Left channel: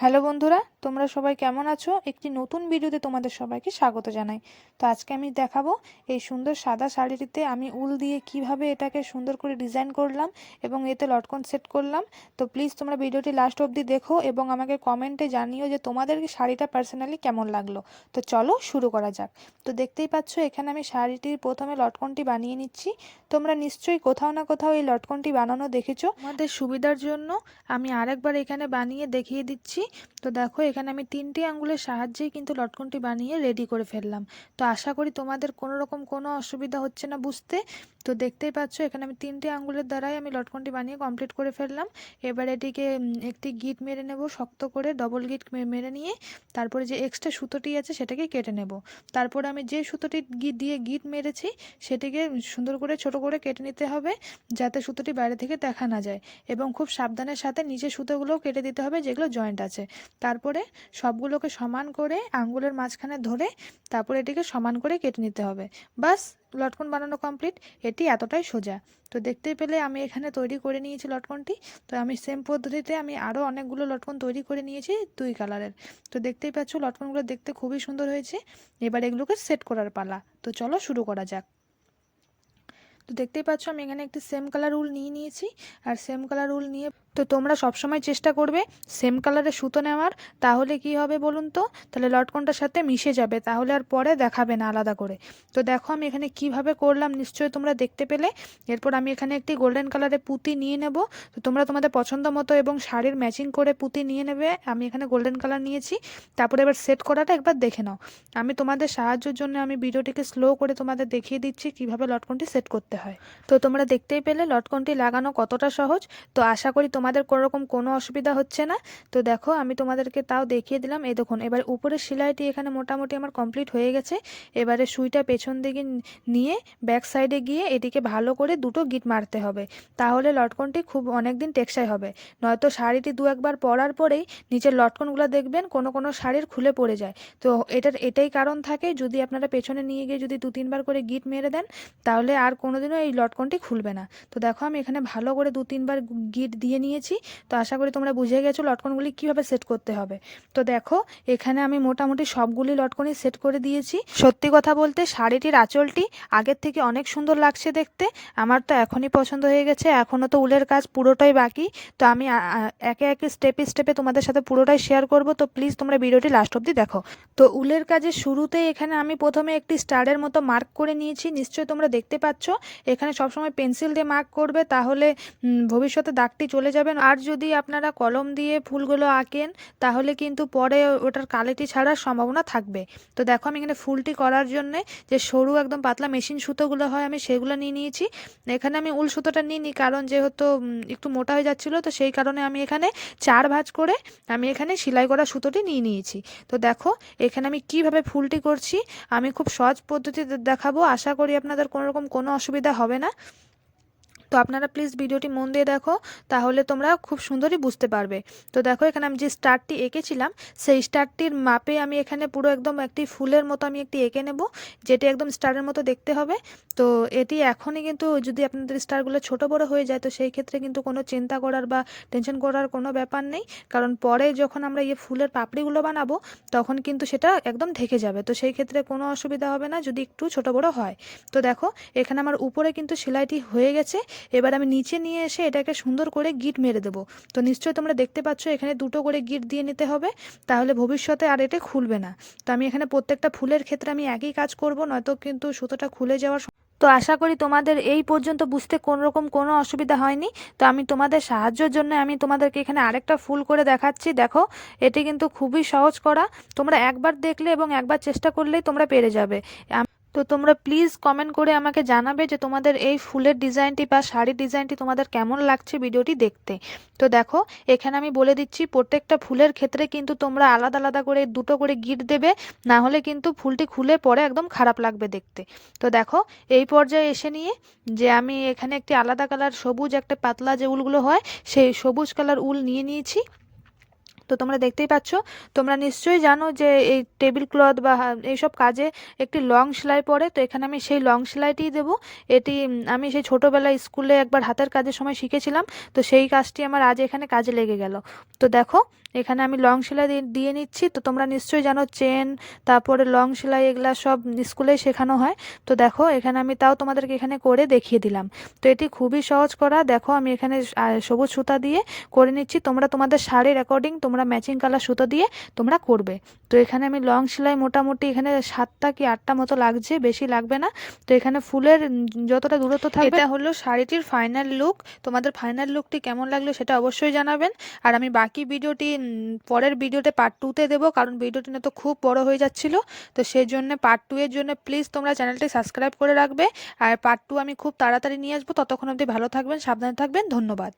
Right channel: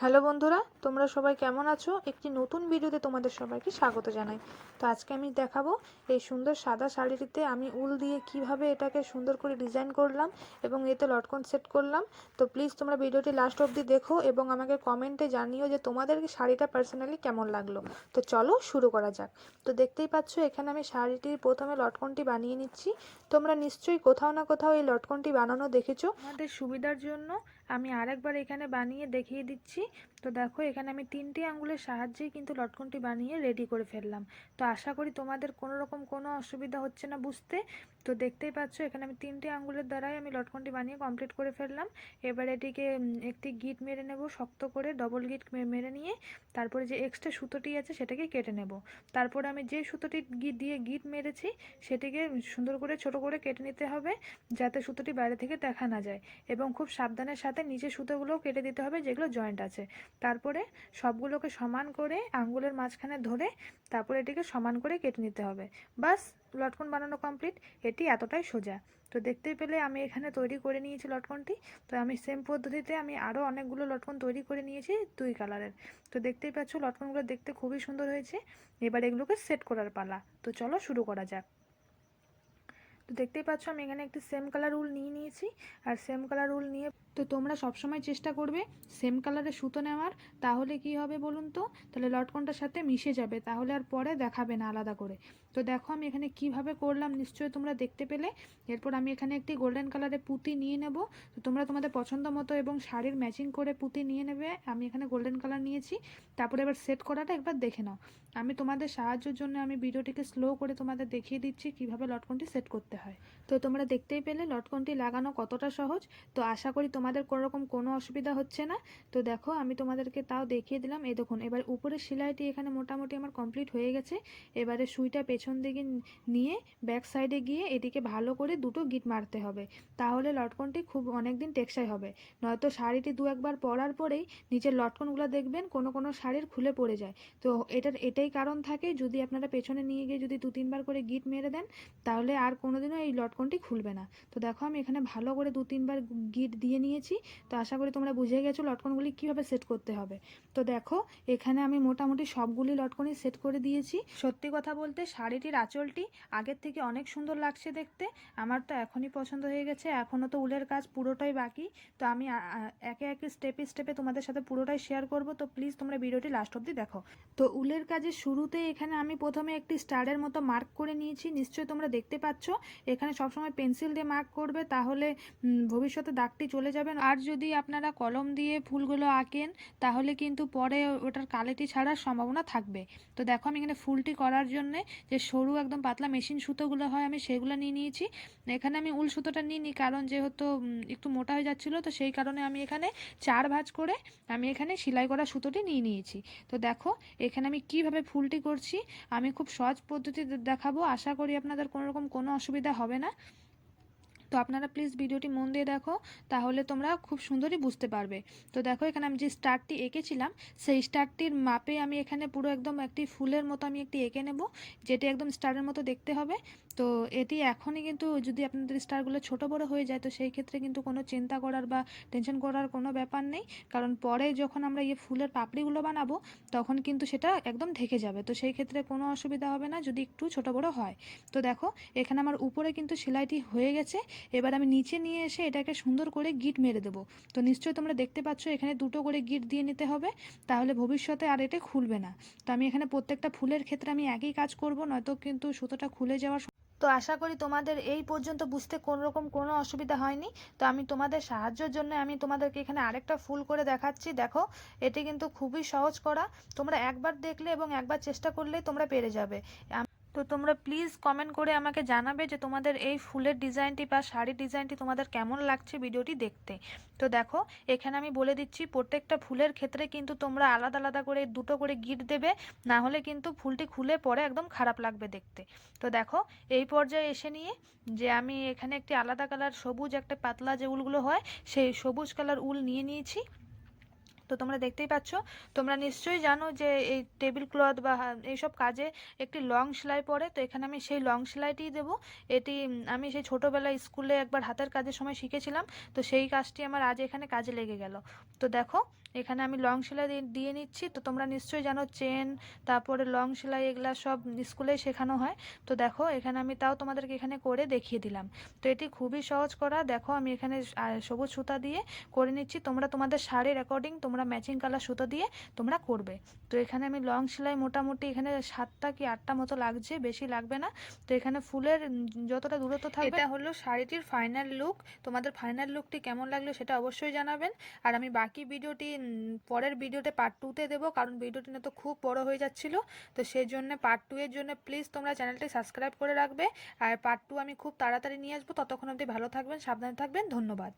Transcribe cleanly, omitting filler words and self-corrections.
Hello বন্ধুরা, তোমরা সবাই কেমন আছো? একটি নতুন ভিডিওতে তোমাদের সবাইকে স্বাগত জানাই। তো আজকে আমি দেখাবো এই সুন্দর সাদা শাড়িটিতে আমি উল দিয়ে কিভাবে এটাকে সুন্দর করে ডিজাইন করলাম এবং এতে লটকন সেট করলাম। তো প্লিজ তোমরা ভিডিওটি লাস্ট অবধি দেখো এবং আমাকে কমেন্টে জানিও যে তোমাদের শাড়িটা পার্সোনালি কেমন লাগলো। তো চলো শুরু করা যাক। তো দেখতেই পাচ্ছ এখানে আমি শাড়িটির প্রথমে লটকনটি বানিয়ে নিচ্ছি। তোমরা নিশ্চয়ই কোথাও না কোথাও এই লটকনটি বানানো দেখেছো। আমাদের সুবিধার জন্য আমি আরেকবার এখানে বানিয়ে দেখিয়ে দিচ্ছি। তো দেখো এখানে আমি 3টি আঙ্গুলের সাহায্যেই কিন্তু লটকনটি বানিয়ে রেডি করে ফেললাম। তো আশা করি তোমাদের কোনো রকম কোনো অসুবিধা হচ্ছে না বুঝতে। তো দেখতেই পাচ্ছ এখানে আমি 3টে আঙ্গুলের দ্বারাই আমি লটকনটি বানিয়ে কমপ্লিট করে ফেললাম। এবার এটিকে একটি গিট মেরে নেব, শক্ত করে ডবল গিট মেরে নিয়ে তারপরে যে এক্সট্রা সুতোটি আছে সেটাকে কেটে নেব। তারপর আমি যে সুতোটি দিয়ে গিট মেরেছি সেটিকে সুন্দর করে ছোট করে কেটে নিতে হবে, যাতে সুতোটি বাইরে থেকে দেখা না যায়। এবং খুব সাবধানের সাথে নিচে সুতোগুলোও কেটে দিতে হবে যেগুলো জয়েন্ট আছে। তারপরে সবগুলোকে সমান করে আঙ্গুলের মাঝখানে ধরে তারপরে এটিকে সমান করে কেটে নিতে হবে। বাস, লটকন বানানো কমপ্লিট। এটি এতটাই সোজা। তো দেখতেই পেলে আমি এখানে তৈরি করে নিয়েছি লটকনটি। তো আমি সেম পদ্ধতিতে আমি আরও অনেকগুলো লটকন তৈরি করে নিয়েছি 2 কালারের। তো দেখতেই পাচ্ছ লটকনগুলো দেখতে খুবই সুন্দর হয়েছে। এবার এগুলোকে সেট করার পালা। তো চলো শুরু করা যাক। তো দেখতেই পাচ্ছ আমি এখানে একটি সেম কালার উল নিয়ে নিয়েছি। আর সেম কালার উল নিয়ে তো তোমরা সবসময় চেষ্টা করবে সেম কালারের সুতো নেওয়ার। তাহলে কি হবে বলুন তো, তাহলে লটকনটার সাথে মিশে যাবে, তাহলে আর পরে দেখাবে না আলাদা করে। তো দেখো আমি এখানে কিভাবে করলাম নিশ্চয়ই তোমরা দেখতে পেলে। এরপর আমি এখানে একটি গোল্ডেন কালারের পুঁতি নিয়ে নেব। তো তোমরা তোমাদের পছন্দ মতো এবং শাড়ির ম্যাচিং করে পুঁতি নিয়ে নেবে। আমি এখানে গোল্ডেন কালার নিয়েছি। তারপরে এবার সেট করাটা একবার দেখে নাও। আমি তোমাদের সাহায্যের জন্য আমি ভিডিওটিকে স্লো করে তোমাদের দেখিয়ে দিচ্ছি কিভাবে লটকনটি সেট করতে হয়। তো তোমরা দেখতেই পেলে লটকনটি লাগানো কতটা সহজ। তো আশা করি তোমাদের কোনোরকম কোনো অসুবিধা হচ্ছে না। তো দেখো আমি তোমাদেরকে তাও দেখিয়ে দিলাম। এই দেখুন এবার উপরের সেলাইটি এখানে মোটামুটি আমার কমপ্লিট হয়ে গেছে। এবারে সুইটা পেছন দিকে নিয়ে ব্যাক সাইডে গিয়ে এটিকে ভালো করে দুটো গিট মারতে হবে। তাহলে লটকনটি খুব অনেক দিন টেকসই হবে। নয়তো শাড়িটি 2-1 বার পরার পরেই নিচের লটকনগুলো দেখবেন কোনো কোনো শাড়ির খুলে পড়ে যায়। তো এটাই কারণ থাকে, যদি আপনারা পেছনে নিয়ে গিয়ে যদি 2-3 বার করে গিট মেরে দেন তাহলে আর কোনোদিনও এই লটকনটি খুলবে না। তো দেখো আমি এখানে ভালো করে 2-3 বার গিট দিয়ে নিয়েছি। তো আশা করি তোমরা বুঝে গেছো লটকনগুলি কিভাবে সেট করতে হবে। তো দেখো এখানে আমি মোটামুটি সবগুলি লটকনই সেট করে দিয়েছি। সত্যি কথা বলতে শাড়িটির আঁচলটি আগের থেকে অনেক সুন্দর লাগছে দেখতে। আমার তো এখনই পছন্দ হয়ে গেছে, এখনও তো উলের কাজ পুরোটাই বাকি। তো আমি একে একে স্টেপে স্টেপে তোমাদের সাথে পুরোটাই শেয়ার করব। তো প্লিজ তোমরা ভিডিওটি লাস্ট অবধি দেখো। তো উলের কাজের শুরুতে এখানে আমি প্রথমে একটি স্টারের মতো মার্ক করে নিয়েছি, নিশ্চয়ই তোমরা দেখতে পাচ্ছ। এখানে সবসময় পেন্সিল দিয়ে মার্ক করবে, তাহলে ভবিষ্যতে দাগটি চলে যাবে। আর যদি আপনারা কলম দিয়ে ফুলগুলো আঁকেন তাহলে কিন্তু পরে ওটার কালিটি ছাড়ার সম্ভাবনা থাকবে। তো দেখো আমি এখানে ফুলটি করার জন্যে যে সরু একদম পাতলা মেশিন সুতোগুলো হয় আমি সেগুলো নিয়ে নিয়েছি। এখানে আমি উল সুতোটা নিইনি, কারণ যেহেতু একটু মোটা হয়ে যাচ্ছিলো, তো সেই কারণে আমি এখানে 4 ভাঁজ করে আমি এখানে সেলাই করা সুতোটি নিয়ে নিয়েছি। তো দেখো এখানে আমি কিভাবে ফুলটি করছি আমি খুব সহজ পদ্ধতিতে দেখাবো। আশা করি আপনাদের কোনোরকম কোনো অসুবিধা হবে না। তো আপনারা প্লিজ ভিডিওটি মন দিয়ে দেখো, তাহলে তোমরা খুব সুন্দরই বুঝতে পারবে। তো দেখো এখানে আমি যে স্টারটি এঁকেছিলাম সেই স্টারটির মাপে আমি এখানে পুরো একদম একটি ফুলের মতো আমি একটি এঁকে নেব, যেটি একদম স্টারের মতো দেখতে হবে। তো এটি এখনই কিন্তু যদি আপনাদের স্টারগুলো ছোট বড় হয়ে যায় তো সেই ক্ষেত্রে কিন্তু কোনো চিন্তা করার বা টেনশন করার কোনো ব্যাপার নেই, কারণ পরে যখন আমরা ফুলের পাপড়িগুলো বানাবো তখন কিন্তু সেটা একদম ঢেকে যাবে। তো সেই ক্ষেত্রে কোনো অসুবিধা হবে না যদি একটু ছোট বড় হয়। তো দেখো এখানে আমার উপরে কিন্তু সেলাইটি হয়ে গেছে। এবার আমি নিচে নিয়ে এসে এটাকে সুন্দর করে গিট মেরে দেবো। তো নিশ্চয়ই তোমরা দেখতে পাচ্ছ এখানে 2টো করে গিট দিয়ে নিতে হবে, তাহলে ভবিষ্যতে আর এটা খুলবে না। তো আমি এখানে প্রত্যেকটা ফুলের ক্ষেত্রে আমি একই কাজ করব, নয়তো কিন্তু সুতোটা খুলে যাওয়ার। তো আশা করি তোমাদের এই পর্যন্ত বুঝতে কোনোরকম কোনো অসুবিধা হয়নি। তো আমি তোমাদের সাহায্যের জন্য আমি তোমাদেরকে এখানে আরেকটা ফুল করে দেখাচ্ছি। দেখো এটি কিন্তু খুবই সহজ করা। তোমরা একবার দেখলে এবং একবার চেষ্টা করলেই তোমরা পেরে যাবে। তো তোমরা প্লিজ কমেন্ট করে আমাকে জানাবে যে তোমাদের এই ফুলের ডিজাইনটি বা শাড়ির ডিজাইনটি তোমাদের কেমন লাগছে ভিডিওটি দেখতে। তো দেখো এখানে আমি বলে দিচ্ছি প্রত্যেকটা ফুলের ক্ষেত্রে কিন্তু তোমরা আলাদা আলাদা করে 2টো করে গিট দেবে, না হলে কিন্তু ফুলটি খুলে পরে একদম খারাপ লাগবে দেখতে। তো দেখো এই পর্যায়ে এসে নিয়ে যে আমি এখানে একটি আলাদা কালার সবুজ একটা পাতলা যে উলগুলো হয় সেই সবুজ কালার উল নিয়ে নিয়েছি। তো তোমরা দেখতেই পাচ্ছ, তোমরা নিশ্চয়ই জানো যে এই টেবিল ক্লথ বা এইসব কাজে একটি লং সেলাই পড়ে। তো এখানে আমি সেই লং সেলাইটিই দেবো। এটি আমি সেই ছোটোবেলায় স্কুলে একবার হাতের কাজের সময় শিখেছিলাম। তো সেই কাজটি আমার আজ এখানে কাজে লেগে গেল। তো দেখো এখানে আমি লং সেলাই দিয়ে নিচ্ছি। তো তোমরা নিশ্চয়ই জানো চেন, তারপরে লং সেলাই এগুলা সব স্কুলেই শেখানো হয়। তো দেখো এখানে আমি তাও তোমাদেরকে এখানে করে দেখিয়ে দিলাম। তো এটি খুবই সহজ করা। দেখো আমি এখানে সবুজ সুতা দিয়ে করে নিচ্ছি। তোমরা তোমাদের শাড়ির অ্যাকর্ডিং তোমরা ম্যাচিং কালার সুতো দিয়ে তোমরা করবে। তো এখানে আমি লং সেলাই মোটামুটি এখানে 7টা কি 8টা মতো লাগছে, বেশি লাগবে না। তো এখানে ফুলের যতটা দূরত্ব থাকবে, এটা হলো শাড়িটির ফাইনাল লুক। তোমাদের ফাইনাল লুকটি কেমন লাগলো সেটা অবশ্যই জানাবেন। আর আমি বাকি ভিডিওটি পরের ভিডিওতে পার্ট 2তে দেবো, কারণ ভিডিওটি না তো খুব বড় হয়ে যাচ্ছিল। তো সেই জন্য পার্ট 2 এর জন্য প্লিজ তোমরা চ্যানেলটি সাবস্ক্রাইব করে রাখবে। আর পার্ট 2 আমি খুব তাড়াতাড়ি নিয়ে আসবো। ততক্ষণ অবধি ভালো থাকবেন, সাবধানে থাকবেন। ধন্যবাদ।